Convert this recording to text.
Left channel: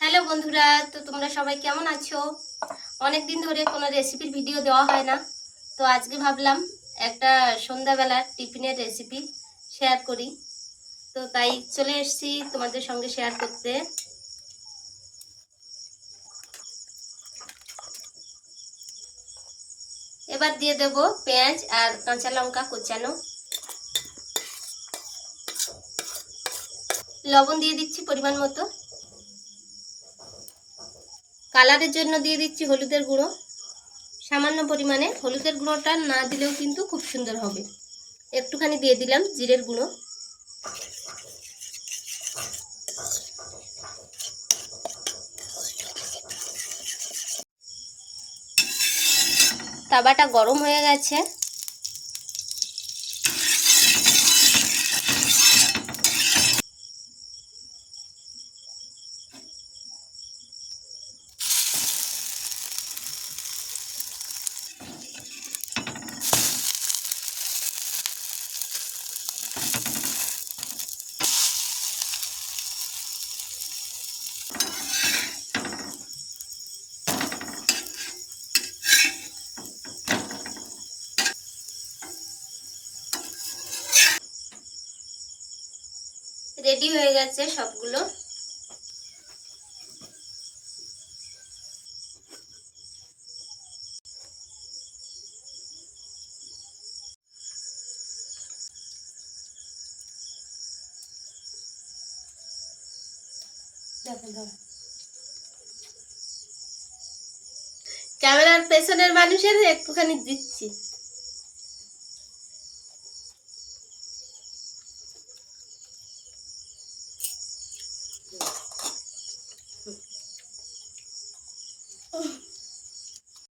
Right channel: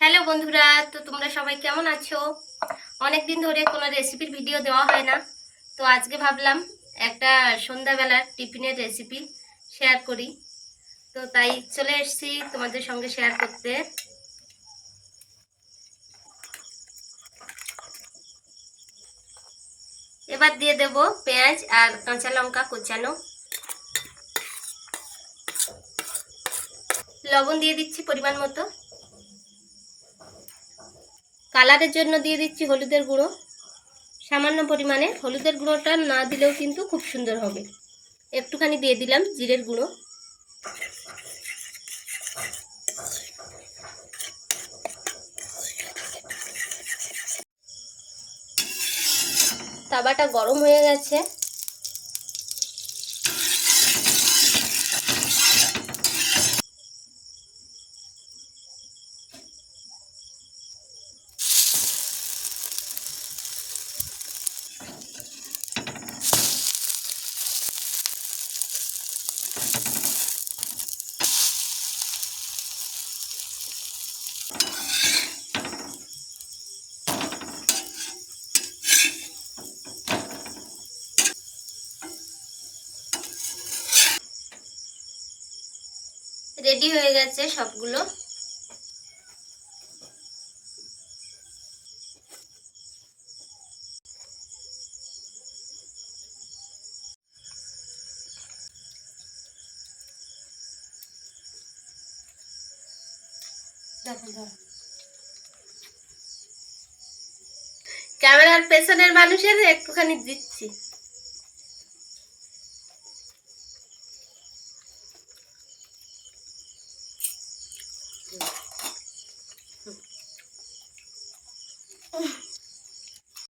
Hello বন্ধুরা, তো তোমরা সবাই কেমন আছো? অনেকদিন ধরে কোনো রেসিপির ভিডিও দেওয়া হয় না, তো আজকে ভাবলাম একটা সন্ধ্যাবেলার টিফিনের রেসিপি শেয়ার করি। তো তাই চলে এসেছি তোমাদের সঙ্গে শেয়ার করতে। এবার দিয়ে দেব পেঁয়াজ আর কাঁচা লঙ্কা কোচানো, লবণ দিয়ে দিচ্ছি পরিমাণ মতো, কালারের জন্য দিয়ে দিচ্ছি হলুদের গুঁড়ো সামান্য পরিমাণে। হলুদের গুঁড়োটা না দিলেও কিন্তু খুব সুন্দর হবে। একটুখানি দিয়ে দিলাম জিরের গুঁড়ো, তাওয়াটা গরম হয়ে গেছে। রেডি হয়ে গেছে সবগুলো। ক্যামেরার পেছনের মানুষের একটুখানি দিচ্ছি।